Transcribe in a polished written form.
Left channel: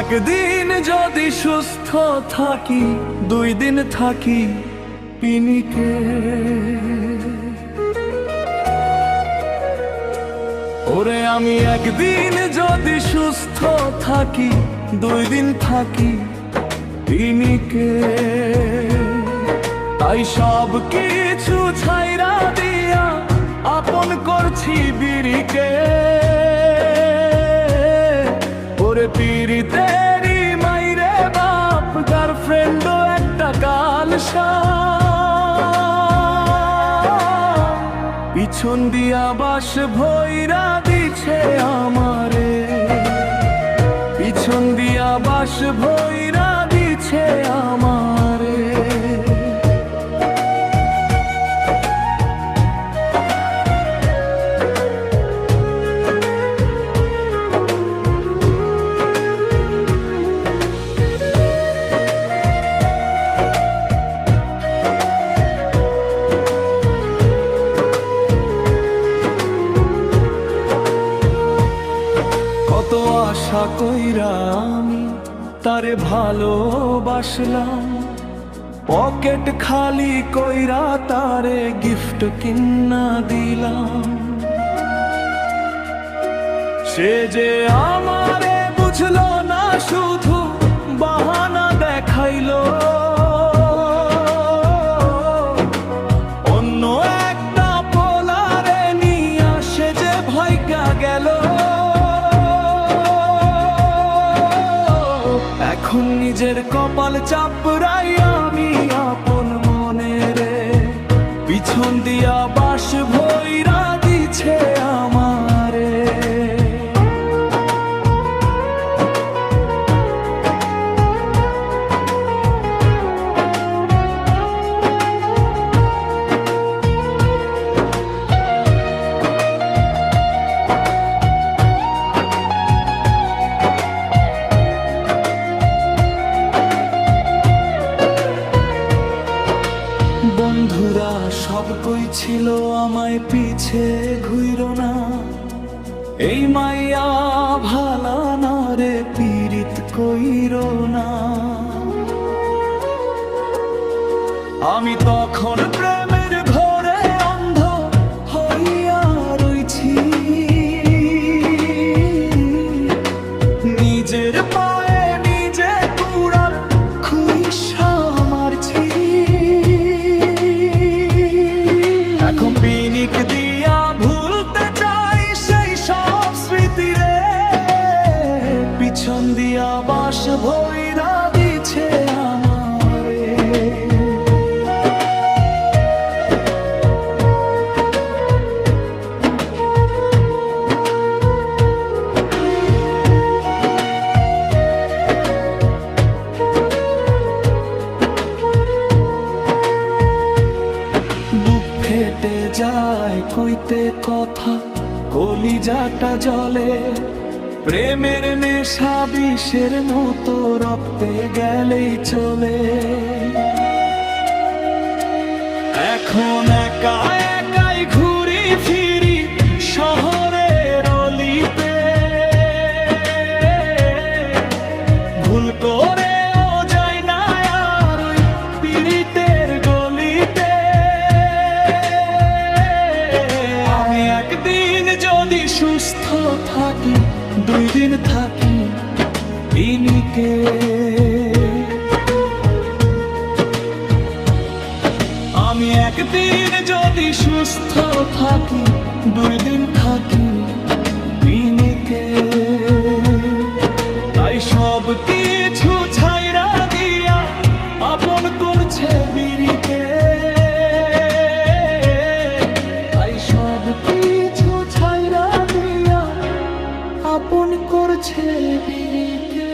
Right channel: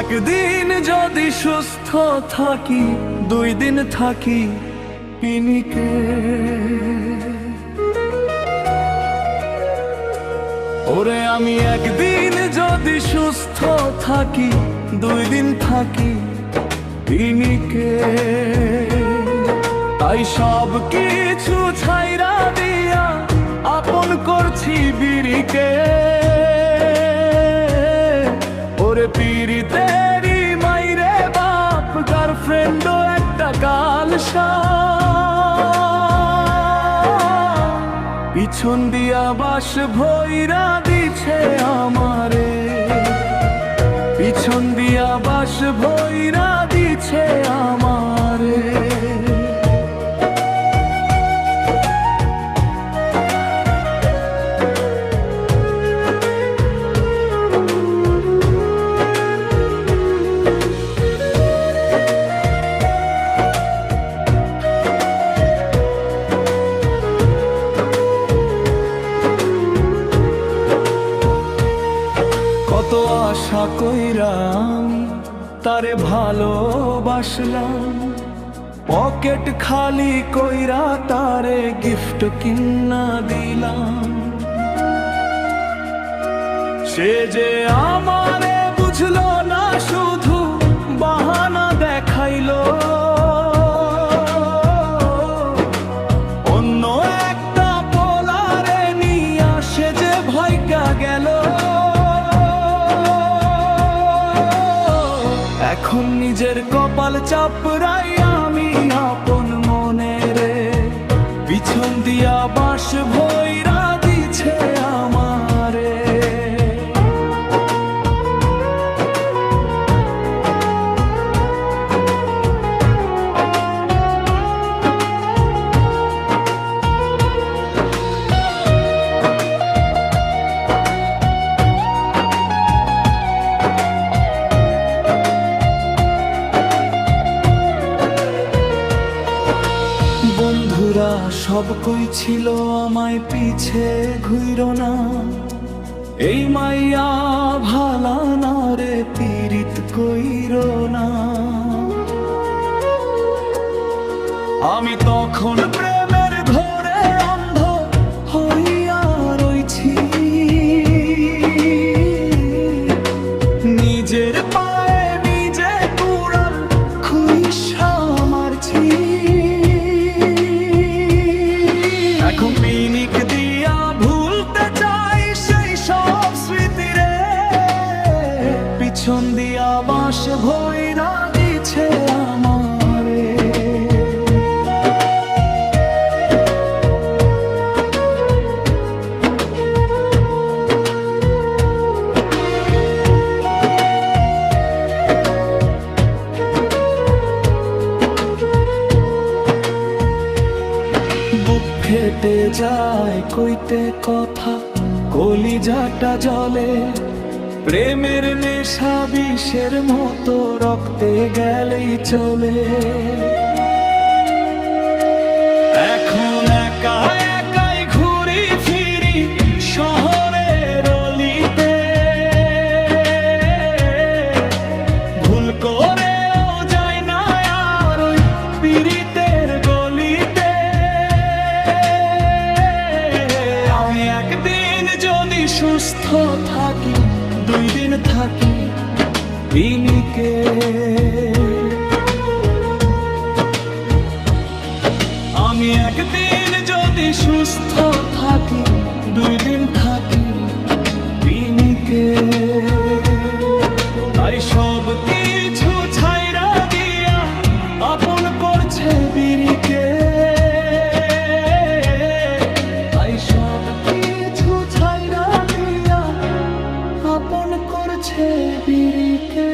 একদিন যদি সুস্থ থাকি, 2 দিন থাকি পিনিকে। ওরে আমি একদিন যদি সুস্থ থাকি, 2 দিন থাকি পিনিকে। তাই সব কিছু ছাইরা দিয়া আপন করছি বিড়িকে। ওরে পিরিতেরি মাইরে বাপ, গার্লফ্রেন্ডও একটা কালসা। পিছন দিয়া বাস ভইরা দিছে আমারে, পিছন দিয়া বাস ভইরা দিছে আমারে। কত আশা কইরা আমি তারে ভালোবাসলাম, পকেট খালি কইরা তারে গিফট কিনা দিলাম। সে যে আমারে বুঝলো না, শুধু বাহানা দেখাইলো। অন্য একটা পোলারে নিয়া সে যে ভাইগা গেল। এখন নিজের কপাল চাপড়াই আমি আপন মনে রে, পিছন দিয়া বাস ভইরা দিছে আমারে। বন্ধুরা সব কইছিল আমায় পিছে ঘুইরো না, এই মাইয়া ভালা না রে, পীড়িত কইরো না। আমি তখন প্রেমের ঘরে অন্ধ হইয়া রইছি, নিজের পায়ে নিজে কুড়াল খুইসা মারছি। এখন পিনিক দিয়া ভুলতে চাই সেই সব স্মৃতি রে, পিছন দিয়া বাস ভইরা দিছে আমারে। বুক ফেটে যায় কইতে কথা, কলিজাটা জ্বলে। প্রেমের নেশা বিষের মতো রক্তে গেলেই চলে। এখন একা একাই ঘুরি ফিরি শহরের অলিতে, ভুল করেও যাই না আর ওই পীড়িতের গলিতে। আমি একদিন যদি সুস্থ থাকি, 2 দিন থাকি পিনিকে। আমি একদিন যদি সুস্থ থাকি, 2 দিন থাকি পিনিকে। তাই সব কিছু ছাইরা দিয়া আপন করছে বিড়িকে। তাই সব কিছু ছাইরা দিয়া আপন করছে বিড়িকে।